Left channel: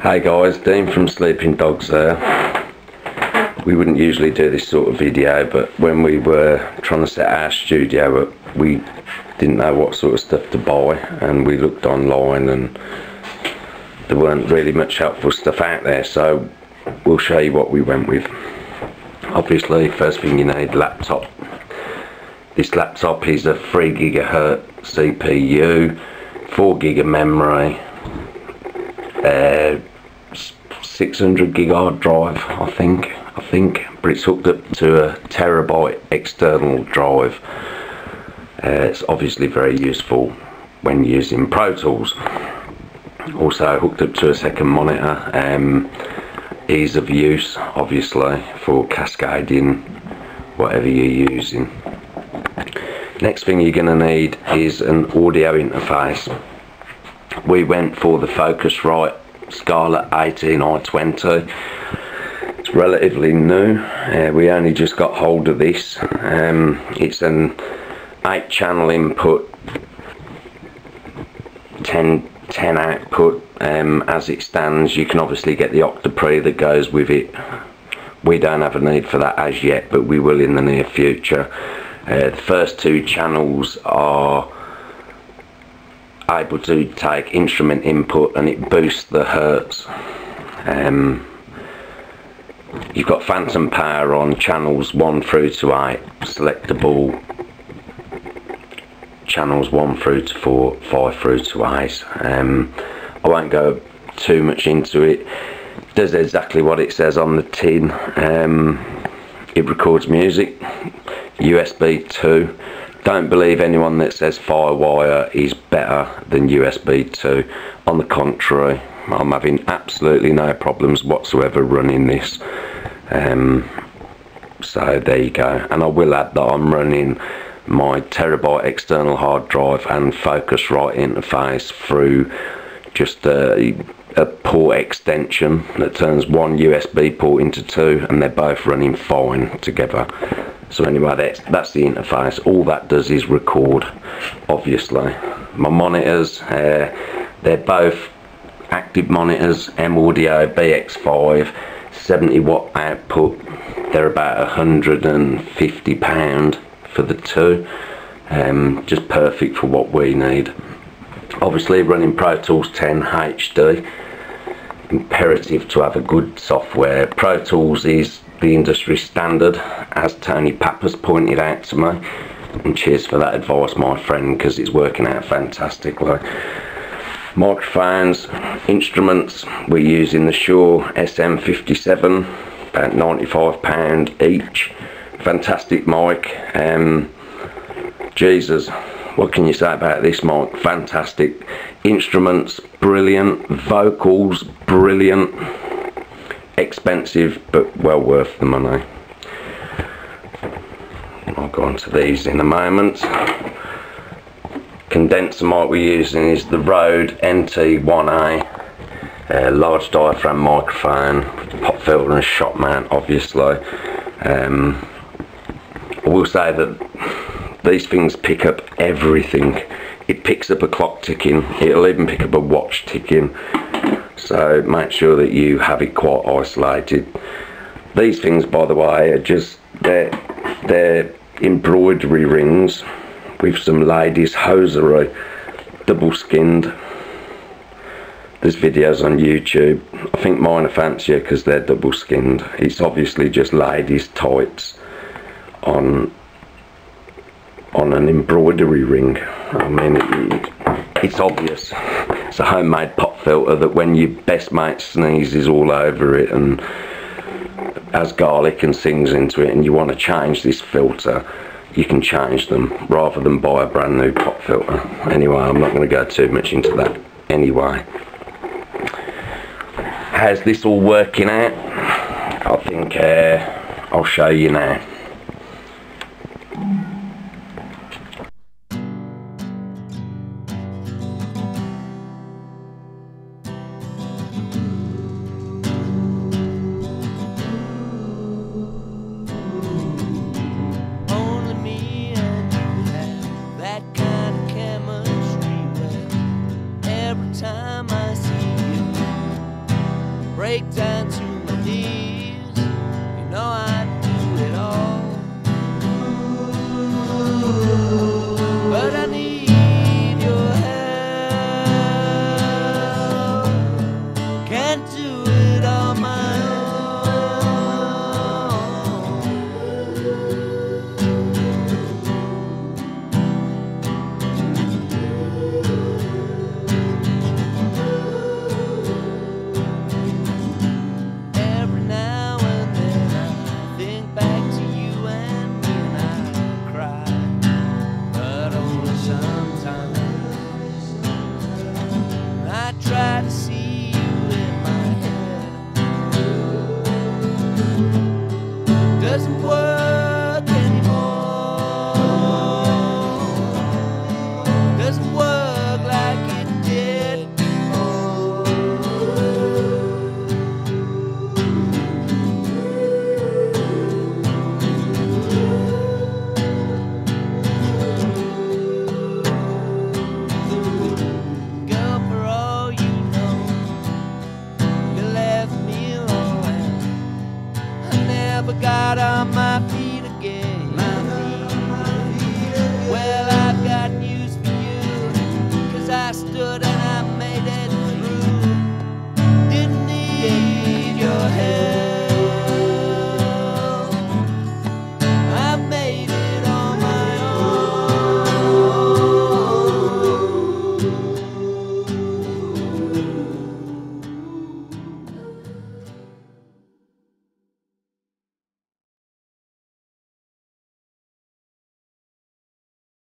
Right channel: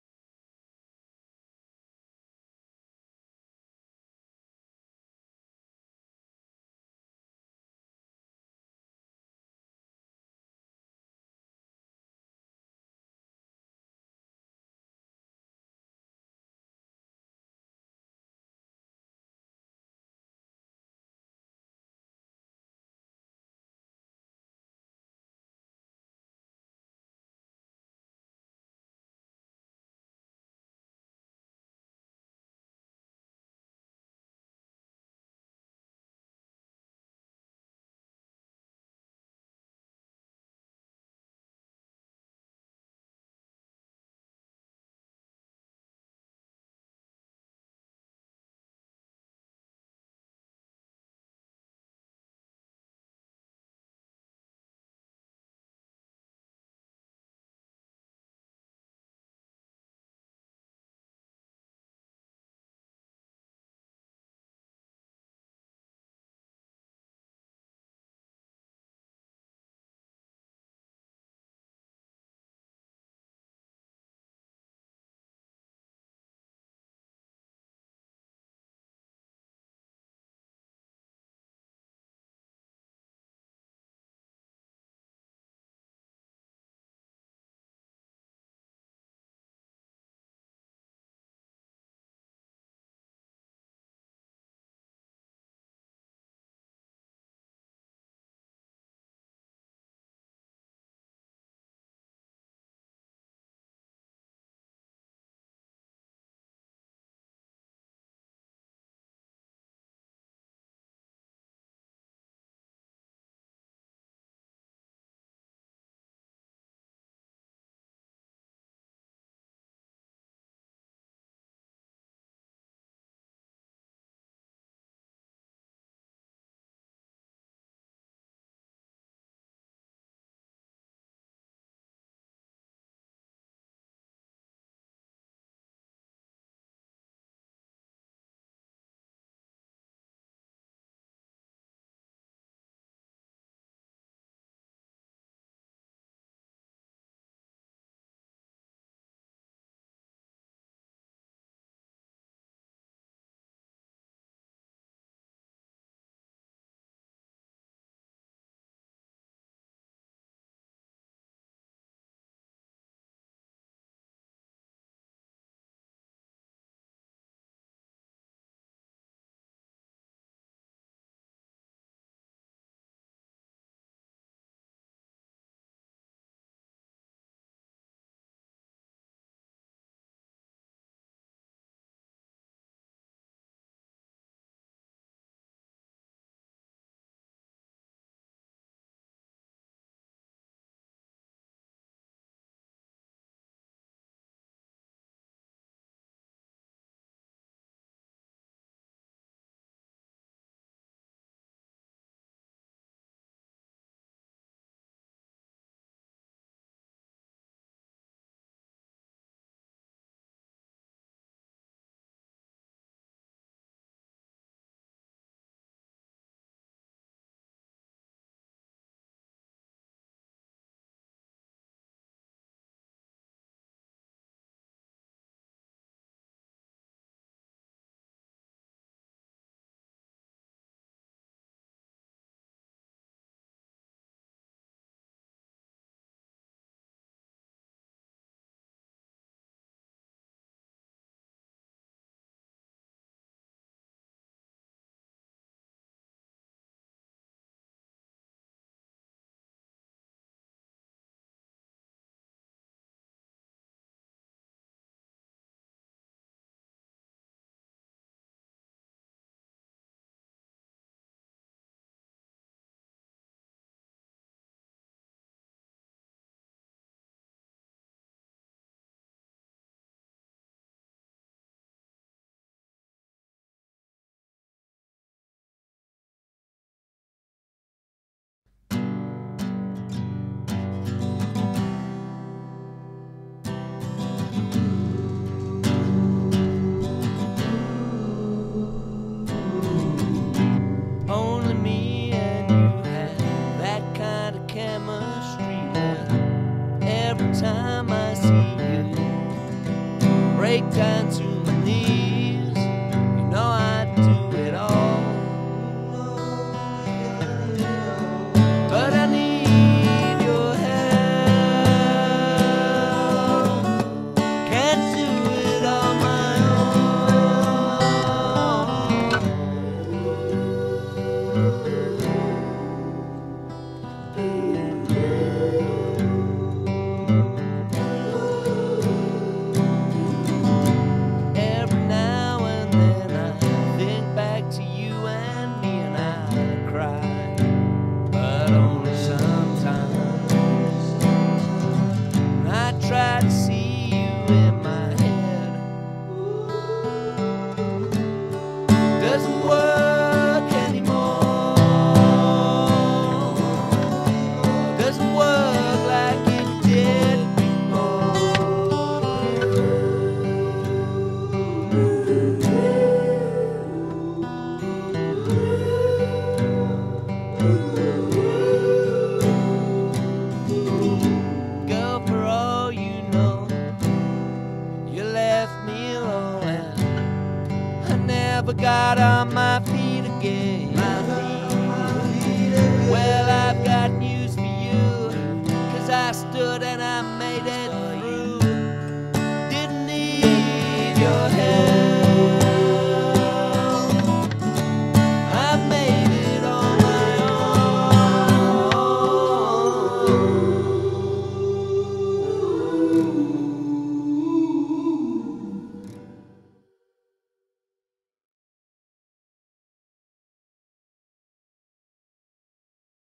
Hey guys, Dean from Sleeping Dogs there. We wouldn't usually do this sort of video, but when we were trying to set our studio up, we didn't know what sort of stuff to buy, and we looked online and there weren't really much helpful stuff out there, so we'll show you what we went with. Obviously, first thing you need, laptop. This laptop is a 3 GHz CPU, 4 GB memory, 600 gig hard drive, I think, but it's hooked up to a terabyte external drive. It's obviously very useful when using Pro Tools. Also hooked up to a second monitor. Ease of use, obviously, for cascading whatever you're using. Next thing you're going to need is an audio interface. We went for the FOCUSRITE Scarlett 18i20. It's relatively new. We only just got hold of this. It's an 8-channel input, 10 output. As it stands, you can obviously get the octapre that goes with it. We don't have a need for that as yet, but we will in the near future. The first 2 channels are able to take instrument input and it boosts the hertz. You've got phantom power on channels 1 through to 8, selectable channels 1 through to 4, 5 through to 8. I won't go too much into it. It does exactly what it says on the tin. It records music, USB 2. Don't believe anyone that says Firewire is better than USB 2. On the contrary, I'm having absolutely no problems whatsoever running this. So there you go. And I will add that I'm running my terabyte external hard drive and FOCUSRITE interface through just a port extension that turns one USB port into 2, and they're both running fine together. So anyway, that's the interface. All that does is record, obviously. My monitors, they're both active monitors, M-Audio BX5, 70 watt output. They're about £150 for the 2. Just perfect for what we need. Obviously running Pro Tools 10 HD. Imperative to have a good software. Pro Tools is the industry standard, as Tony Pappas pointed out to me, and cheers for that advice, my friend, because it's working out fantastically. Microphones, instruments, we're using the Shure SM57, about £95 each. Fantastic mic. Jesus, what can you say about this mic? Fantastic. Instruments, brilliant. Vocals, brilliant. Expensive, but well worth the money. I'll go on to these in a moment. Condenser mic we're using is the Rode NT1A, large diaphragm microphone, pop filter and shot mount, obviously. I will say that these things pick up everything. It picks up a clock ticking, it'll even pick up a watch ticking. So make sure that you have it quite isolated. These things, by the way, are just they're embroidery rings with some ladies' hosiery, double skinned. There's videos on YouTube. I think mine are fancier because they're double skinned. It's obviously just ladies' tights on an embroidery ring. I mean, it's obvious. It's a homemade pop filter that when your best mate sneezes all over it and has garlic and sings into it, and you want to change this filter, you can change them rather than buy a brand new pop filter. Anyway, I'm not going to go too much into that anyway. How's this all working out? I think I'll show you now. Every time I see you, break down to my knees. You know I'd do it all, but I need your help. Can't do it on my own. Every now and then I think back to you and me, and I cry, but only sometimes. I try to see you in my head. Doesn't work anymore. Doesn't work like it did before. Girl, for all you know, you left me alone, and I never got on my feet again. Well, I've got news for you, 'cause I stood and I made it through. Didn't need your help.